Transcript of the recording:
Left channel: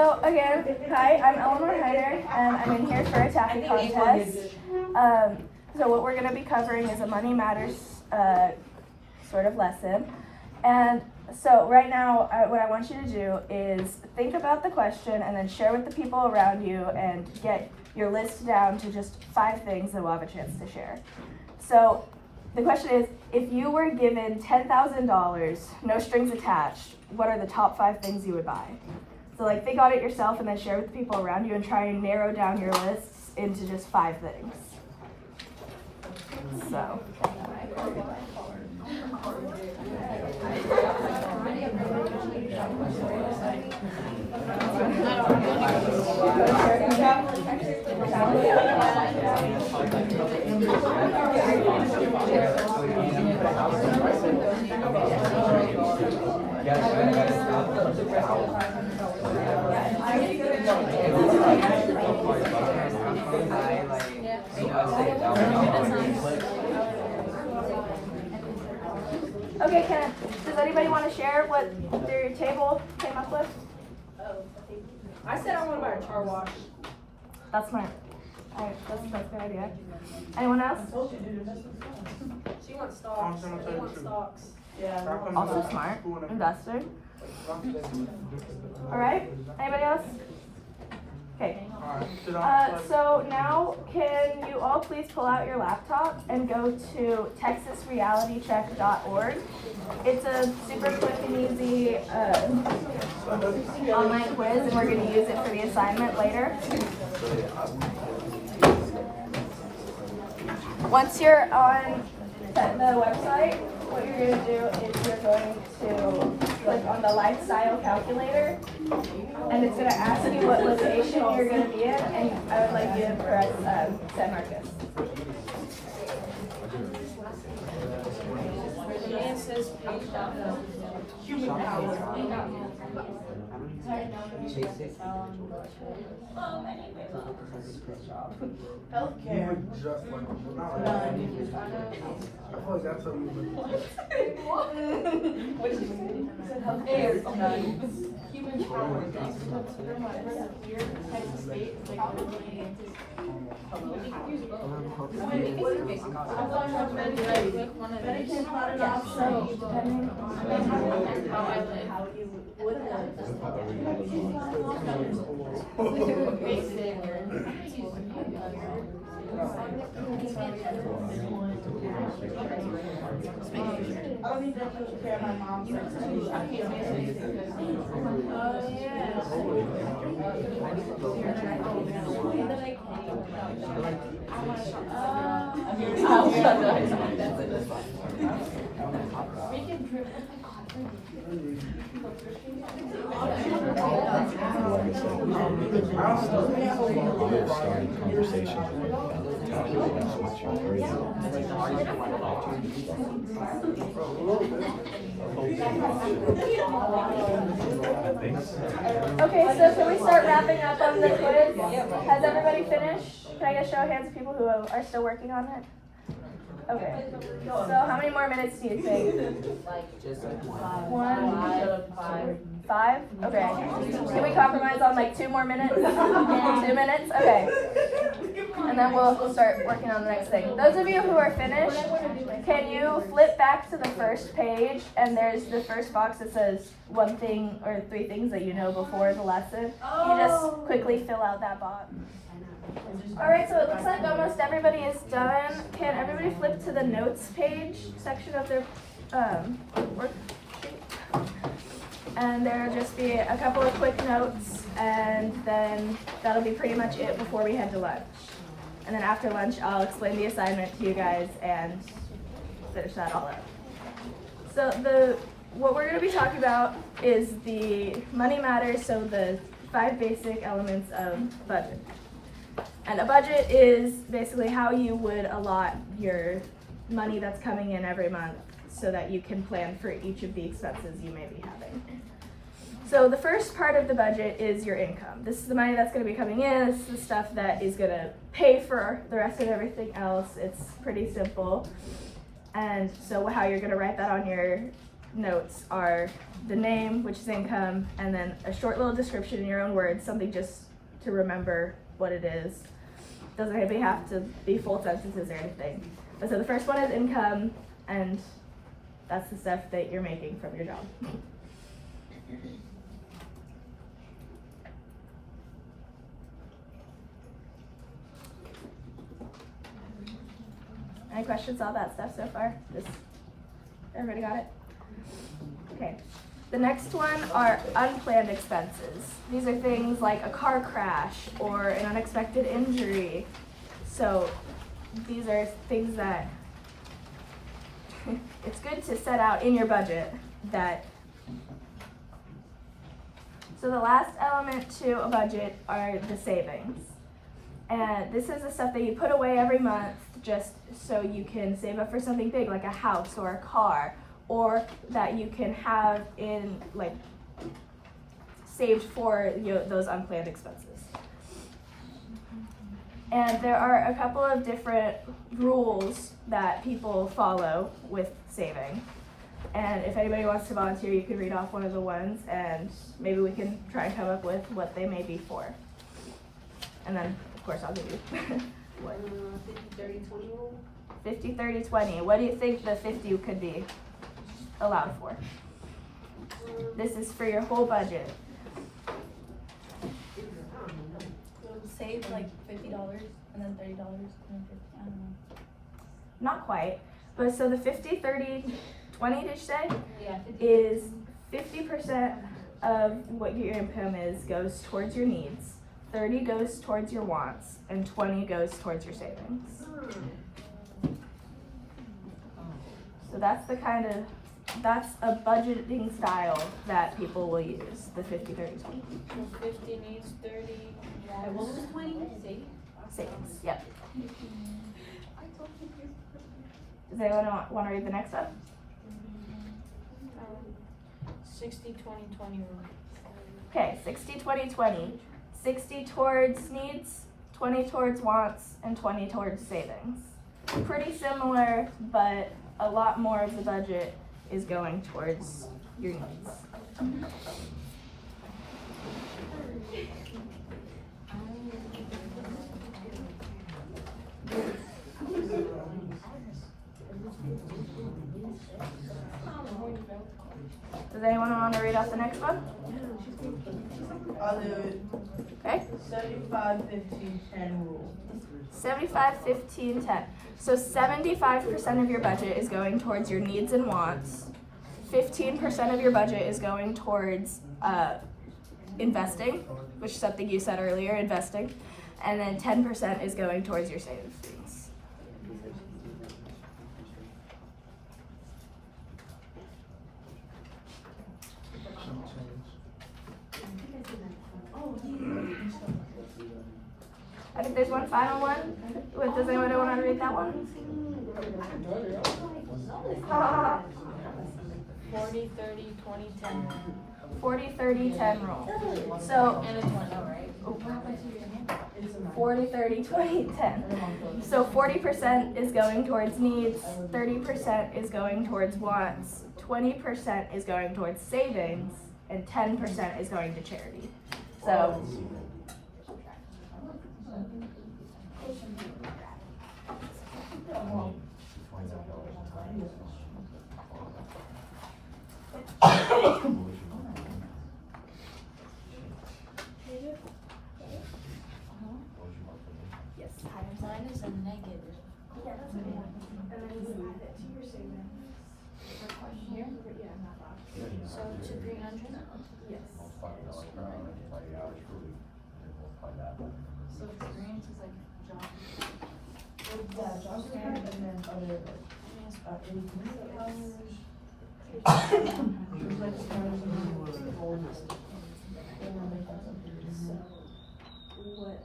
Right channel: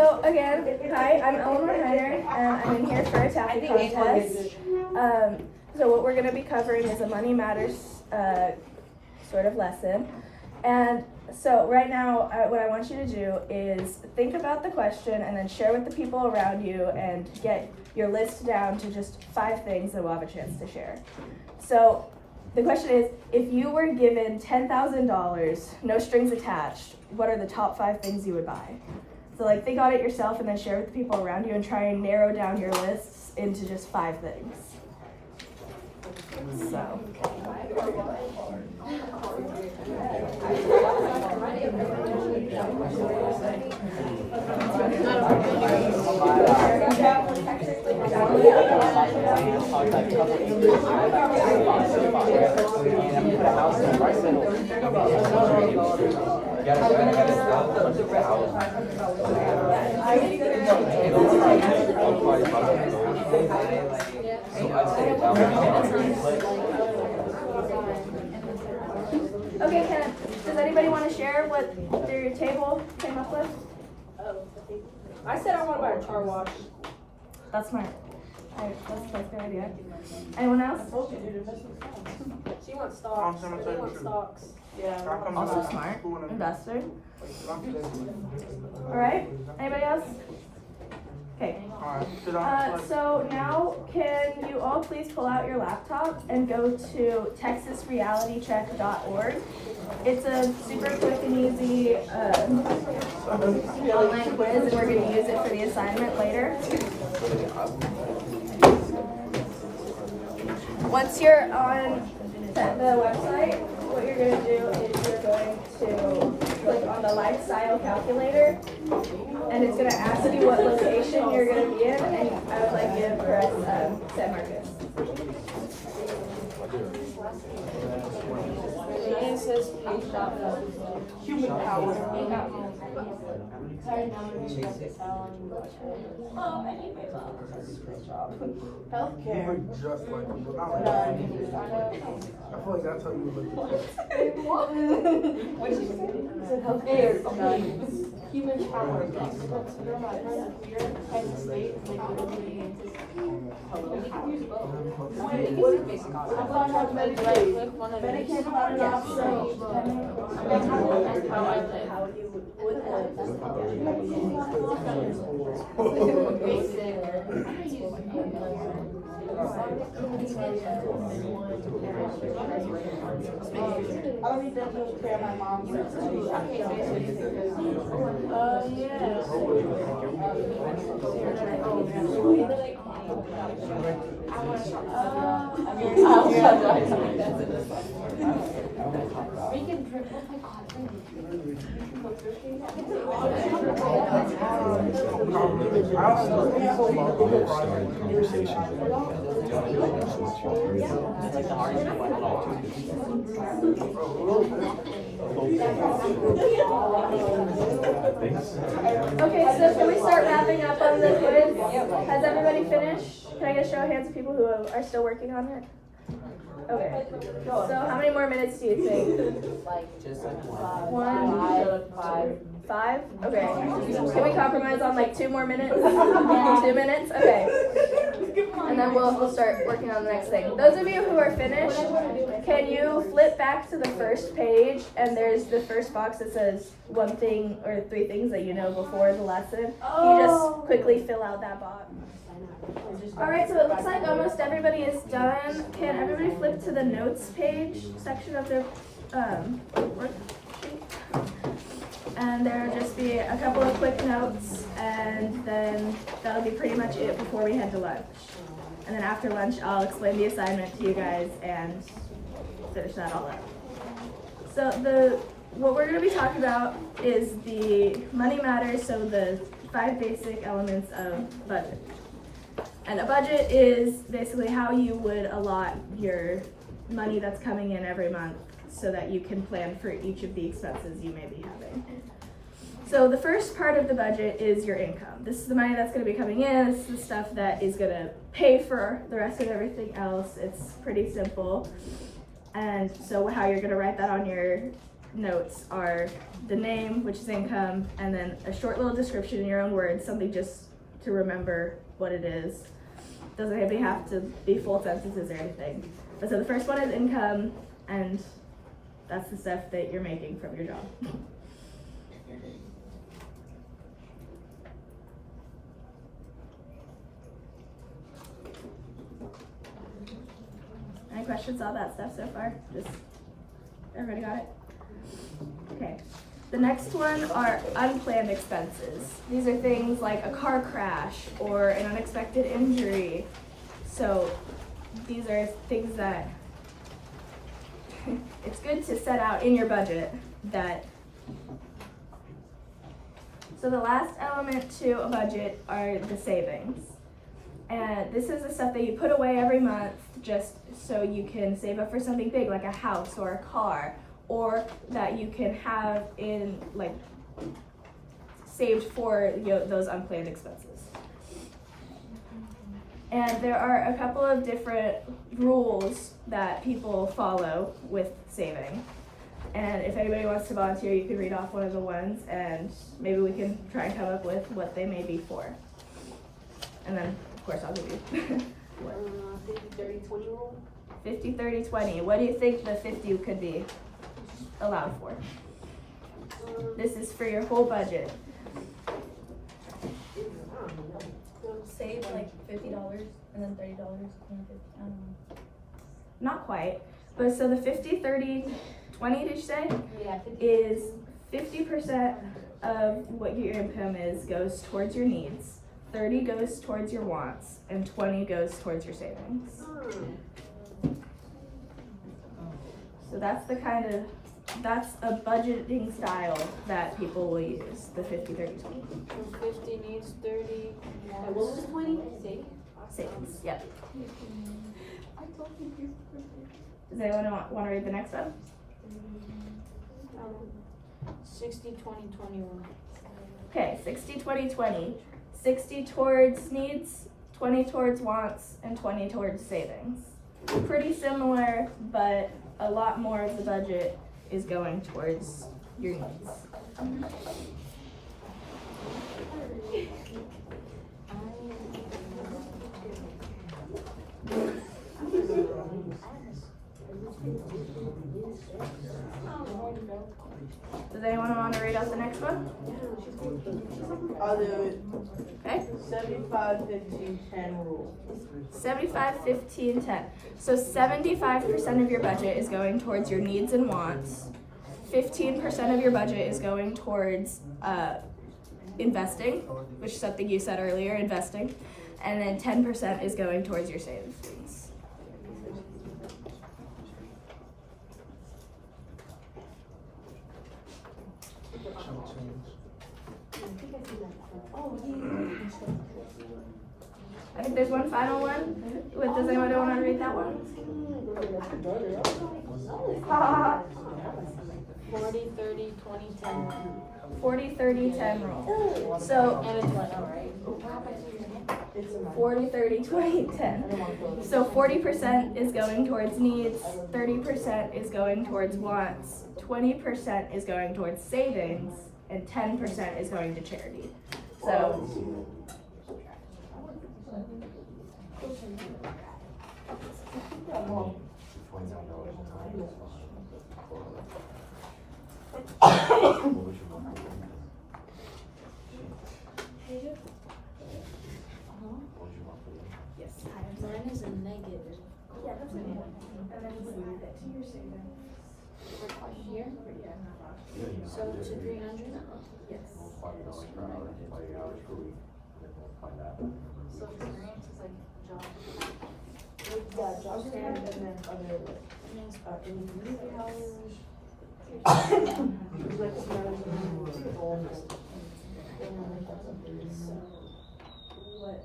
So again, hi, I'm Eleanor Hyder, and I'm in here for a TAFE contest. So what we're going to be covering is a Money Matters sort of lesson. And so right now, what I want you to do is think about the question and then share with the people around you and get your list down to just 5 things that we'll have a chance to share. So the question is, if you were given $10,000, no strings attached, what are the top 5 things you would buy? So like think on it yourself and then share with the people around you and try and narrow down your lists into just 5 things. So. Okay, does anybody want to share what their table came up with? I said I want to buy a car wash. That's smart. That's a good idea. Anyone else? She wants stocks. She wants stocks. Yeah. Also smart. Investor. Alright, anybody else? Okay. So now can you all please pull out your laptop and go to texasrealitycheck.org. It's a super quick and easy online quiz, and we're going to use it for the assignment later. Once you're on the website, what you're going to do is you're going to click on the lifestyle calculator, and it's going to ask you what location you're going to be in, and I would like you to press San Marcos. Healthcare. Human power. Yeah, so depending on how you would started conversations Okay, so can we start wrapping up on the quiz? Has everybody finished? Can I get a show of hands of people who are still working on it? Okay. So how many more minutes do you think? 1, 2, 5? Okay. Can we compromise on like 2 more minutes? 2 minutes? Okay. And then we'll start working on the next thing. Those of you who are finished, can you flip back to the first page, and there's the first box that says 1 thing or 3 things that you know before the lesson. You just quickly fill out that box. Alright, so it looks like almost everybody is done. Can everybody flip to the notes page section of their worksheet? And there'll just be a couple of quick notes, and then that'll be pretty much it before we head to lunch. And then after lunch, I'll explain the assignment to you guys and finish that all up. So what we're going to be talking about is the money matters, so the 5 basic elements of budget. And a budget is basically how you would allot your money that's coming in every month so that you can plan for each of the expenses you may be having. So the first part of the budget is your income. This is the money that's going to be coming in. This is the stuff that is going to pay for the rest of everything else. It's pretty simple. And so how you're going to write that on your notes are the name, which is income, and then a short little description in your own words, something just to remember what it is. Doesn't maybe have to be full sentences or anything. But so the first one is income, and that's the stuff that you're making from your job. Any questions on that stuff so far? Just everybody got it? Okay. The next one are unplanned expenses. These are things like a car crash or an unexpected injury. So these are things that it's good to set out in your budget that. So the last element to a budget are the savings. And this is the stuff that you put away every month just so you can save up for something big like a house or a car, or that you can have in like saved for those unplanned expenses. And there are a couple of different rules that people follow with saving. And if anybody wants to volunteer, you can read off one of the ones and maybe we can try and come up with what they may be for. And then, of course, I'll give you 50-30-20 rule. 50-30-20. What do you think the 50 could be allowed for? This is for your whole budget. Save like $50 and then $30 and then 50. I don't know. Not quite. But so the 50-30-20, did you say? Yeah, 50. Is 50% of what your income is goes towards your needs, 30 goes towards your wants, and 20 goes towards your savings. So that's that's a budgeting style that people will use, the 50-30-20. 50 needs 30. What was it, 20? Savings, yep. Does anyone want to read the next one? 60-20-20 rule. Okay, 60-20-20. 60 towards needs, 20 towards wants, and 20 towards savings. Pretty similar, but a lot more of the budget is going towards your needs. Does anyone want to read out the next one? I'll do it. Okay. 75-15-10 rule. 75-15-10. So 75% of your budget is going towards your needs and wants. 15% of your budget is going towards investing, which is something you said earlier, investing. And then 10% is going towards your savings. I think there's one final one. Does anyone want to read that one? 40-30-20-10 rule. 40-30-10 rule. So, And it's what? 40-30-20-10. So 40% is going towards needs, 30% is going towards wants, 20% is going towards savings, and 10% is going to charity. So Mine is a negative. yeah, that's okay. And then you add it to your savings. Here? So to 300? Yes. So for grants is like job. Yeah, job scan and then other. What